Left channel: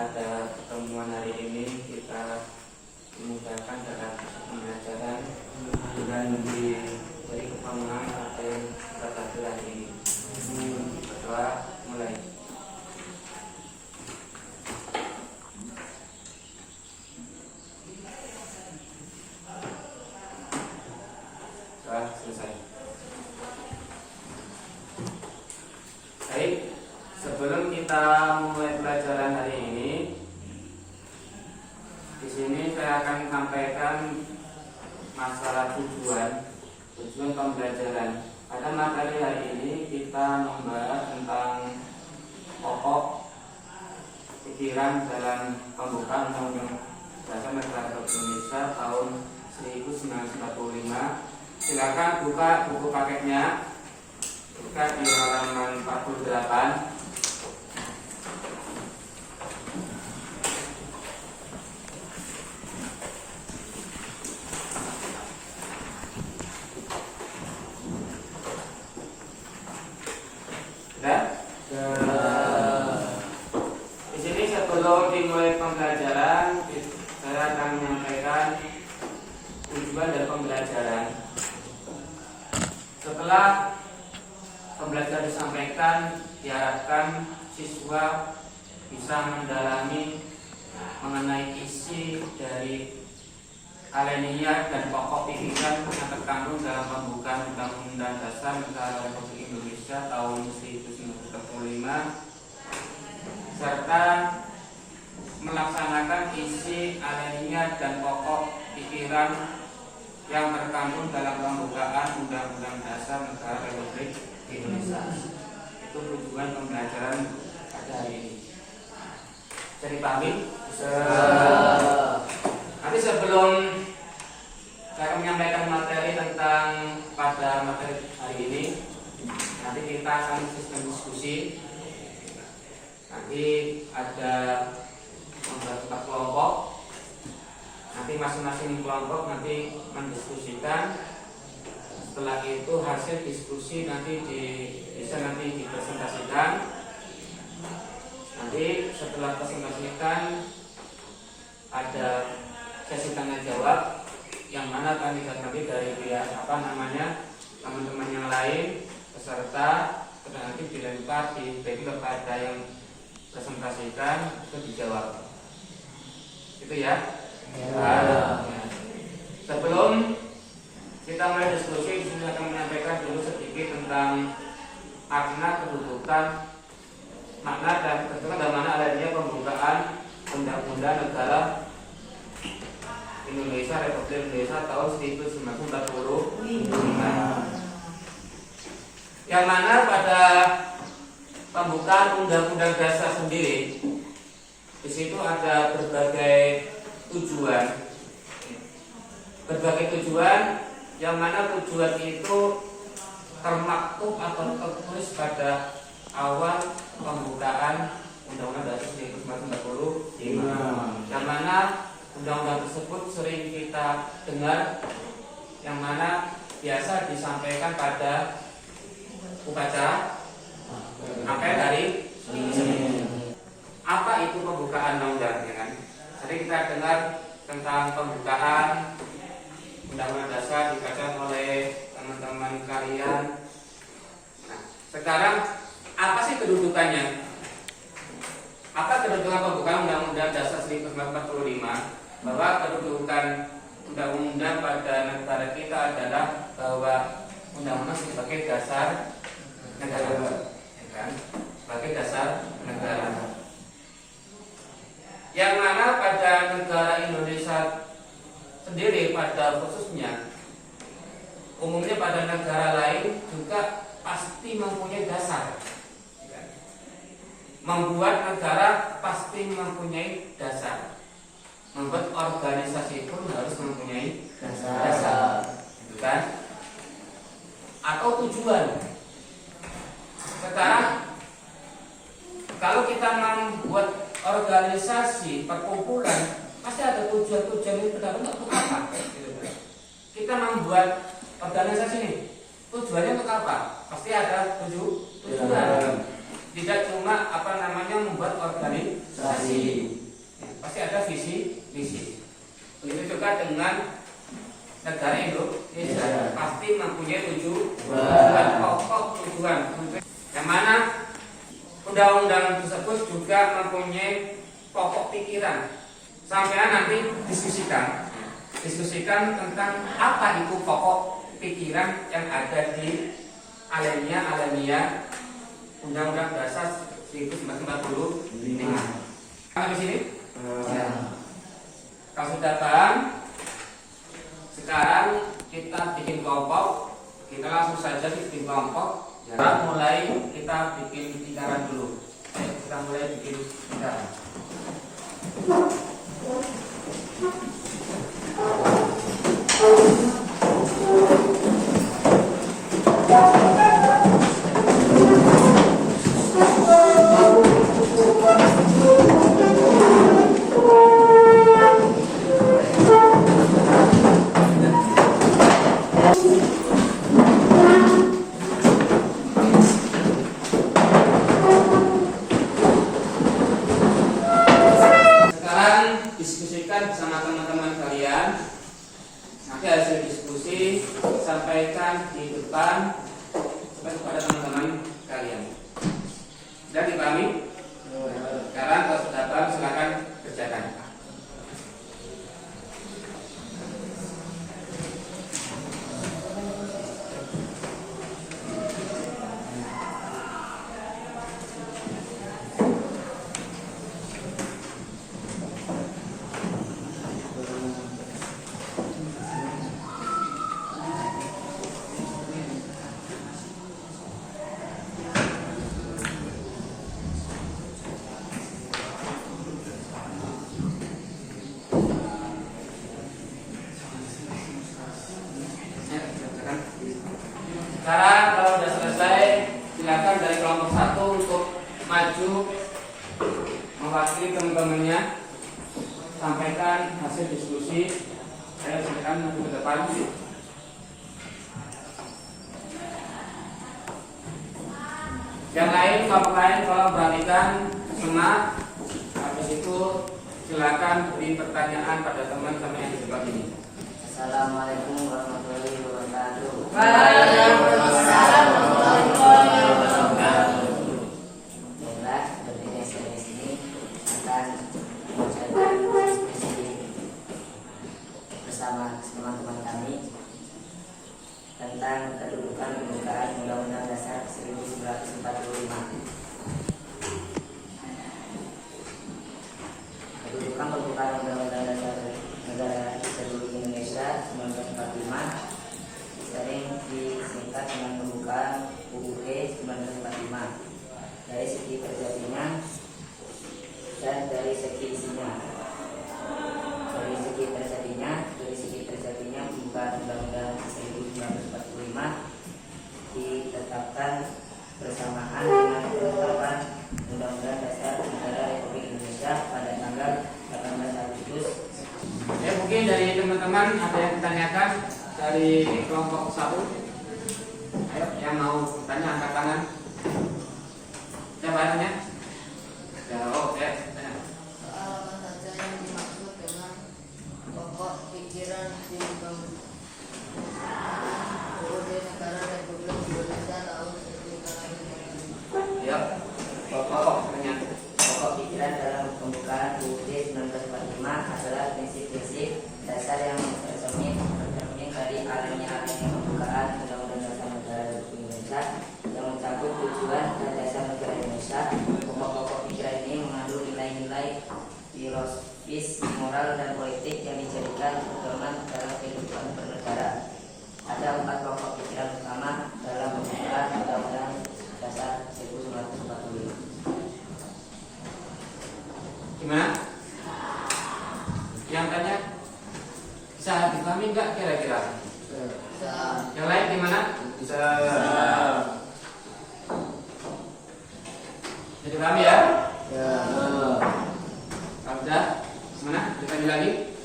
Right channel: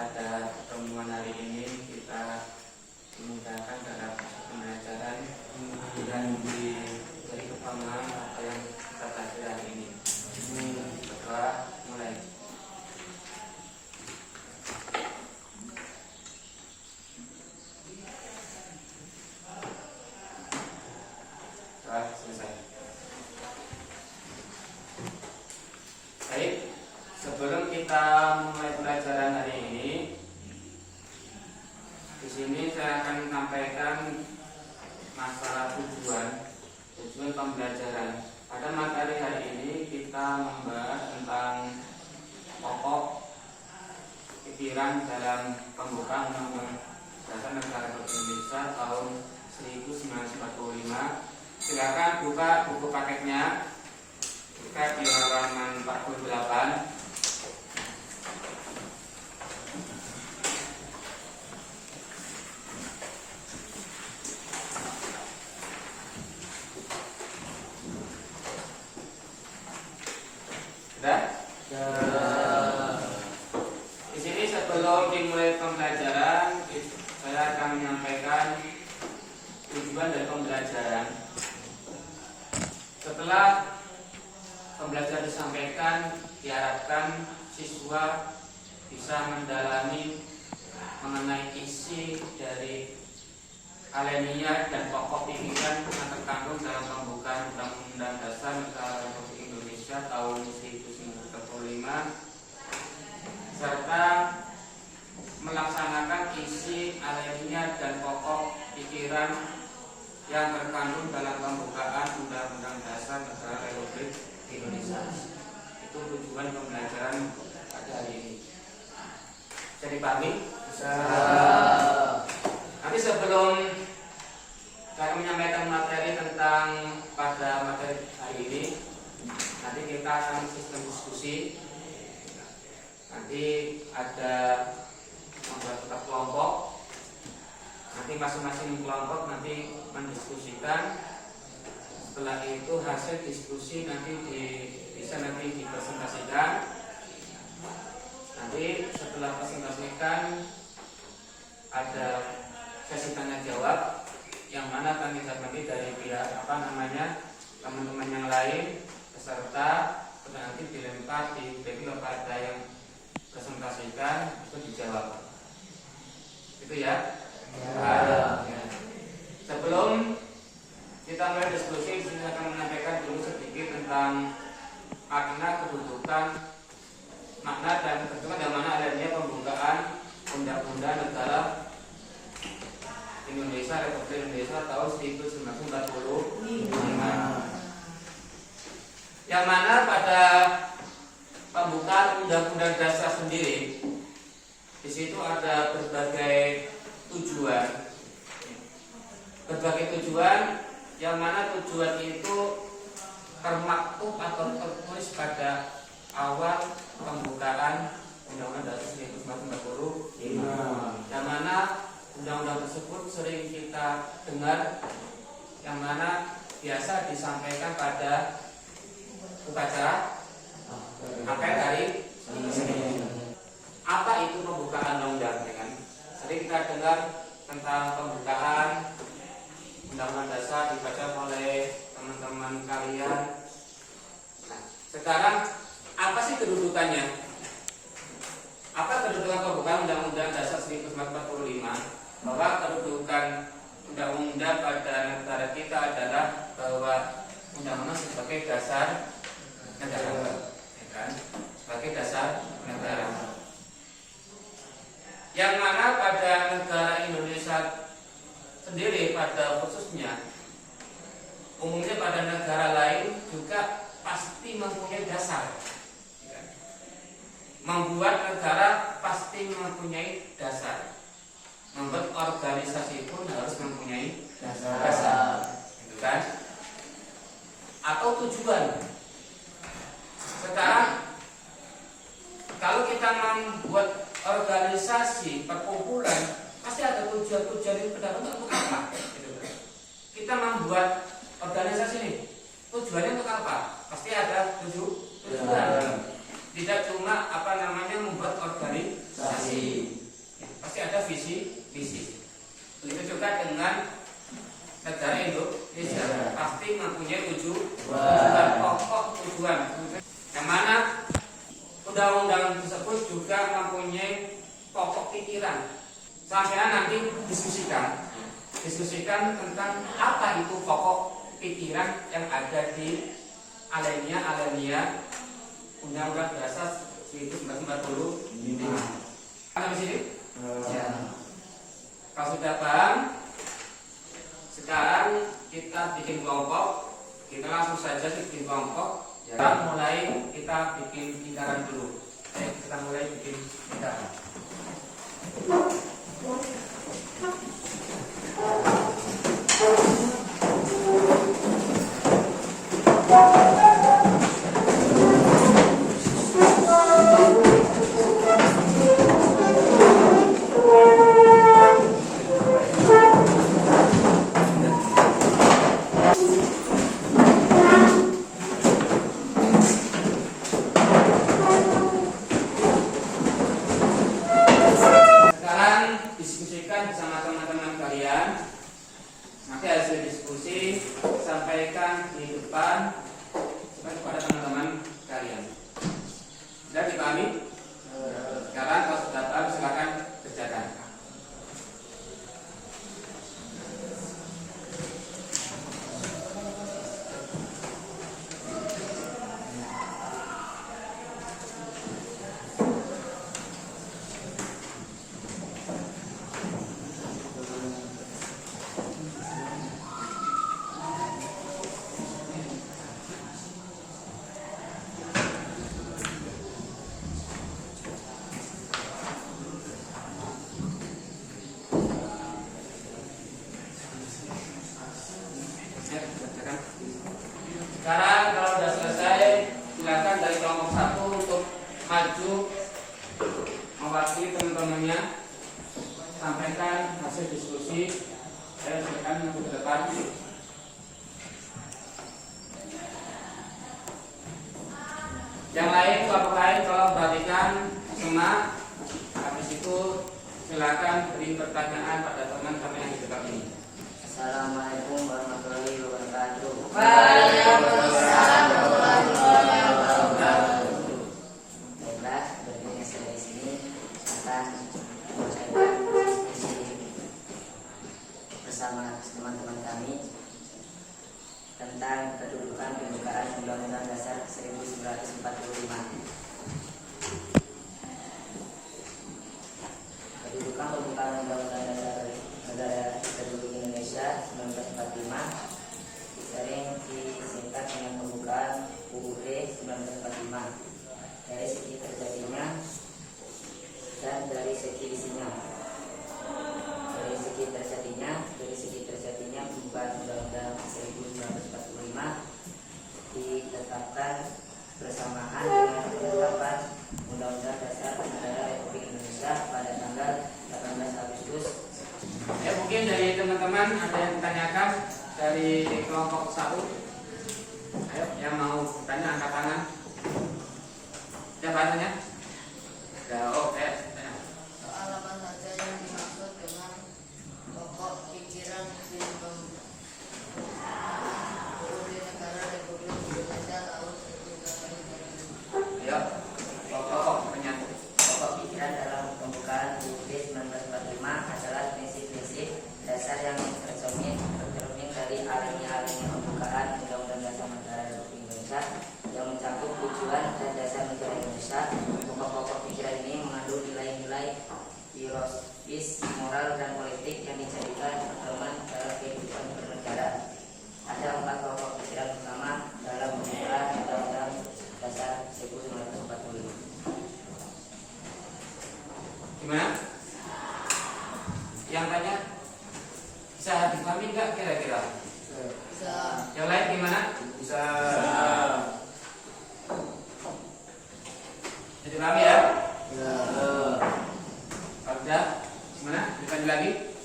pada pertemuan hari ini kita dimudahkan dalam pembelajaran dan diberi kepahaman apa yang kita pelajari hari ini. Berdoa mulai. Doa selesai. Baik, sebelum kita mulai pelajaran hari ini, di sini saya akan menyampaikan masalah tujuan pembelajaran. Pada materi hari ini kita membahas tentang pokok pikiran dalam pembukaan Undang-Undang Dasar Negara Republik Indonesia tahun 1945. Silakan buka buku paketnya. Buka di halaman 48. Di sini sebelum dimulai pembelajaran, saya akan menyampaikan tujuan dari pembelajaran. Setelah pembelajaran disampaikan, diharapkan siswa bisa mendalami mengenai isi dari alinea dan pokok pikiran yang terkandung dalam pembukaan Undang-Undang Dasar Negara Republik Indonesia tahun 1945 serta melaksanakan isi alinea dan pokok pikiran yang terkandung dalam pembukaan Undang-Undang Dasar Negara Republik Indonesia. Itu tujuan pembelajaran pada hari ini. Bisa dipahami? Nanti sebelum saya menyampaikan materi tentang pada materi hari ini, nanti kita akan sistem diskusi. Nanti ada membuat kelompok. Nanti masing-masing kelompok nanti mendiskusikan. Setelah itu hasil diskusi nanti bisa dipresentasikan. Nanti setelah presentasikan ada sesi tanya jawab yang mana nanti dari pihak teman-teman yang lain peserta nanti dilempar dibagi kepada yang presentasikan itu dijawab. Itu ya. Sebelum kita mulai diskusi, saya akan menyampaikan dulu sedikit tentang makna kedudukan, makna dan kedudukan dan mana adanya pembukaan Undang-Undang Negara Indonesia Republik Indonesia tahun 1945. Yang mana pada pembukaan Undang-Undang Dasar sendiri, di situ ada berbagai tujuan. Berbagai tujuan yang mana tujuan itu termaktub atau tertulis pada awal pembukaan Undang-Undang Dasar 1945. Yang mana undang-undang tersebut sering kita dengar, yang mana biasa disampaikan pada upacara hari Senin. Apa itu pembukaan undang-undang? Kan? Tadi kita dengar tentang pembukaan Undang-Undang Dasar dibaca oleh teman-teman kalian. Nah, sekarang apa sih kedudukannya? Apa kedudukan pembukaan Undang-Undang Dasar 1945? Bahwa kedudukan undang-undang pada negara kita adalah bahwa undang-undang sebagai dasar negara, ya kan? Sebagai dasar negara. Yang mana pada negara Indonesia sendiri pada khususnya, umumnya pada negara lain juga pasti mempunyai dasar. Membuat negara pasti mempunyai dasar. Membuat organisasi pun harus mempunyai dasar. Itu kan? Atau tujuan. Sekarang kalau kita membuat organisasi perkumpulan, pasti ada tujuan-tujuan yang benar-benar untuk apa? Kita membuat organisasi ini, tujuannya untuk apa? Pasti ada tujuan. Tidak cuma membuat organisasi, dengan negara Indonesia pasti mempunyai tujuan pokok yang mana undang-undang tersebut juga mempunyai pokok pikiran. Sampai nanti diskusikan tentang apa itu pokok pikiran yang ada di alinea Undang-Undang Dasar 1945. Di sini? Ya. Kalau sudah paham, sekarang kita bikin kelompok. Kita langsung saja bikin kelompok. Ya. Mulai kita bikin lingkaran dulu. Kita mulai bikin lingkaran. Diskusikan bersama teman-teman kalian. Nanti hasil diskusi sampaikan di depan kepada teman-teman kalian. Sudah dipahami? Sekarang kalau sudah paham silakan kerjakan. Sekarang kalau sudah selesai, silakan dari kelompok 1 untuk maju mewakili teman-temannya, sampaikan hasil diskusi. Saya silakan maju ke depan. Yang lain, kelompok lain kalau berikan semua, habis itu silakan beri pertanyaan pada teman-teman yang di depan ini. Assalamualaikum warahmatullahi wabarakatuh. Waalaikumsalam warahmatullahi wabarakatuh. Baiklah, seperti yang saya di sini akan membacakan diskusi bersama teman-teman kami tentang kedudukan pembukaan Undang-Undang Dasar 1945. Kedudukan pembukaan Undang-Undang Dasar Negara Republik Indonesia 1945 sering disingkat dengan pembukaan UUD 1945 dari segi terjadinya dan dari segi isinya. Dari segi terjadinya pembukaan Undang-Undang 1945 ditetapkan bersamaan dengan penetapan Undang-Undang Dasar Negara Republik Indonesia pada tanggal 18 Agustus. Ya, mungkin dari teman-teman ada yang ditanyakan dari kelompok 1. Ayo, yang mau bertanya angkat tangan. Siapa tanya? Ya, oke. Soal apa saja yang dimaksud dengan pokok pikiran di UUD Negara Republik Indonesia tahun 1945? Ya, pokok pertanyaan. Pokok pikiran dalam pembukaan UUD 1945 adalah prinsip-prinsip dasar yang tercermin dari alinea pembukaan Undang-Undang Dasar Negara Republik Indonesia yang mencakup tujuan dan dasar negara Indonesia. Pokok-pokok pikiran ini mengandung nilai-nilai filosofis, moral, dan politik yang dijadikan pedoman dalam kehidupan bernegara. Ada 4 pokok pikiran utama dalam pembukaan Undang-Undang Dasar 1945. Gimana? Yang tanya bisa dipahami nggak kira-kira? Bisa. Yang lain gimana? Bisa. Bisa dipahami ya? Ya. Kalau udah, gimana? Ditanya lagi?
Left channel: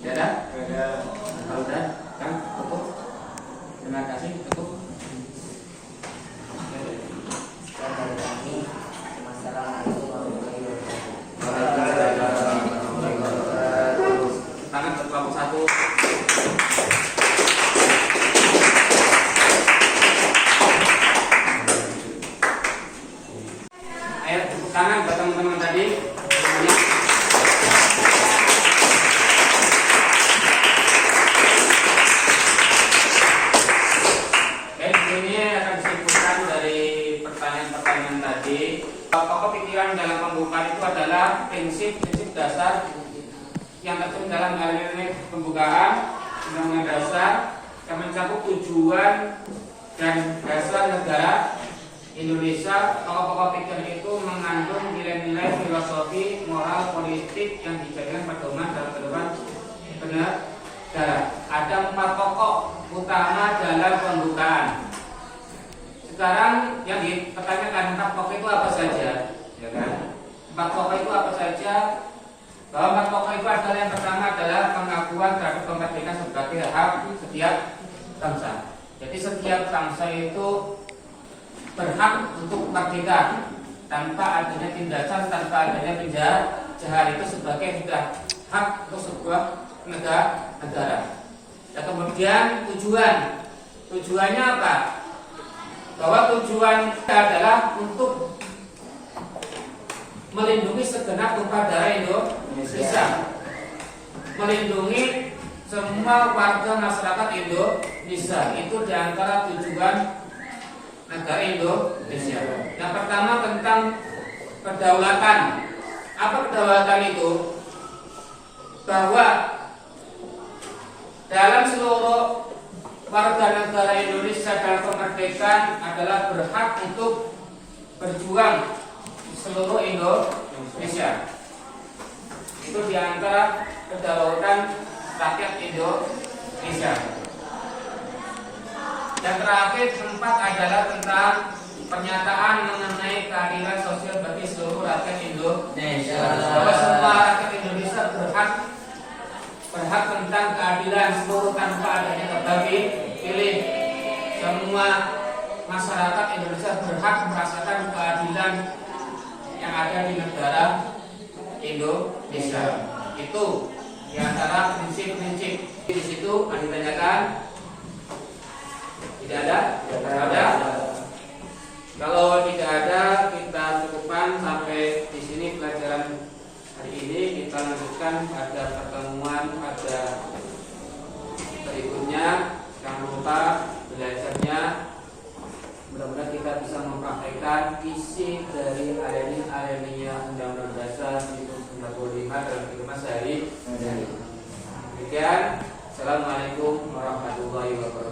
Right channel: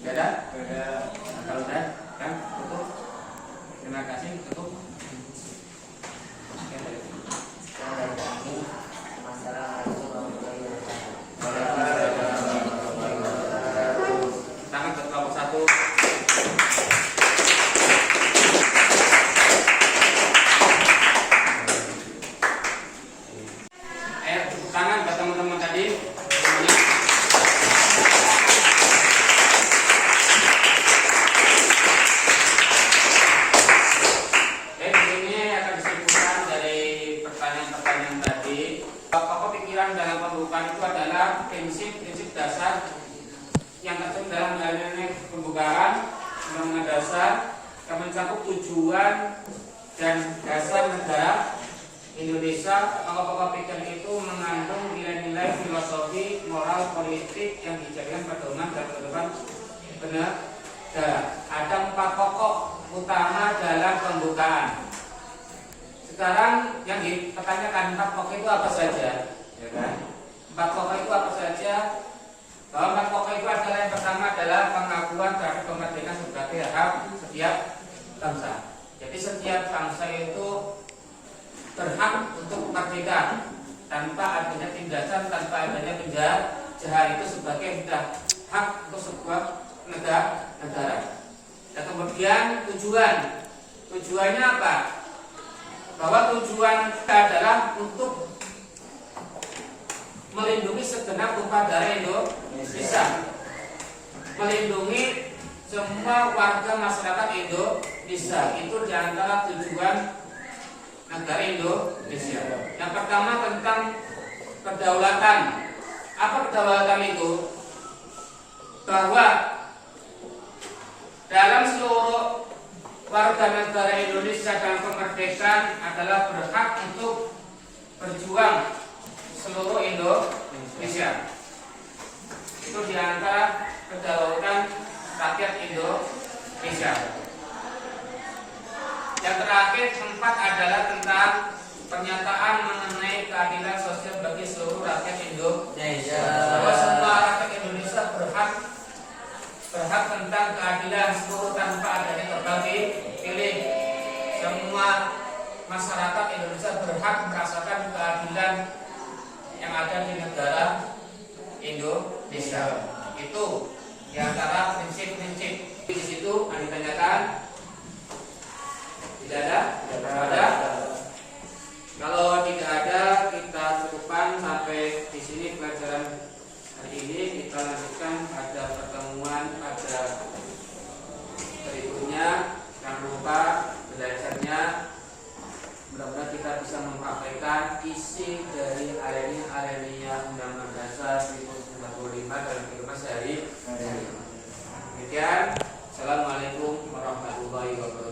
Udah ada? Ya. Kalau udah, kan tutup. Terima kasih, tutup. Dan dari kami, Wassalamualaikum warahmatullahi wabarakatuh. Tangan ke kelompok 1. prinsip-prinsip dasar yang tertuang dalam alinea pembukaan Undang-Undang Dasar yang mencakup tujuan dan dasar negara Indonesia. Pokok-pokok pikiran itu mengandung nilai-nilai filosofi, moral, politik yang dijadikan pedoman dalam kehidupan bernegara. Ada 4 pokok utama dalam pembukaan. Sekarang yang dipertanyakan 4 pokok itu apa saja? Ya kan? 4 pokok itu apa saja? Bahwa 4 pokok itu adalah yang pertama adalah pengakuan terhadap kemerdekaan sebagai hak setiap bangsa. Jadi setiap bangsa itu berhak untuk merdeka tanpa adanya tindasan, tanpa adanya penjajahan. Itu sebagai hak untuk sebuah negara. Dan kemudian tujuannya apa? Bahwa tujuan adalah untuk melindungi segenap tumpah darah Indonesia, melindungi semua warga masyarakat Indonesia. Itu diantara tujuan negara Indonesia. Yang pertama tentang kedaulatan. Apa kedaulatan itu? Bahwa dalam seluruh warga negara Indonesia dalam kemerdekaan adalah berhak untuk berjuang seluruh Indonesia. Itu diantara kedaulatan rakyat Indonesia. Yang terakhir 4 adalah tentang pernyataan mengenai keadilan sosial bagi seluruh rakyat Indonesia. Bahwa semua rakyat Indonesia berhak tentang keadilan seluruh tanpa adanya terbagi pilih. Semua masyarakat Indonesia berhak merasakan keadilan yang ada di negara Indonesia. Itu diantara prinsip-prinsip. Di situ ada ditanyakan. Tidak ada? Tidak ada. Kalau tidak ada, kita cukupkan sampai di sini pelajaran hari ini. Kita lanjutkan pada pertemuan pada berikutnya. Jangan lupa belajarnya. Mudah-mudahan kita bisa mempraktekkan isi dari alinea Undang-Undang Dasar 1945 dalam kehidupan sehari-hari. Demikian. Assalamualaikum warahmatullahi wabarakatuh.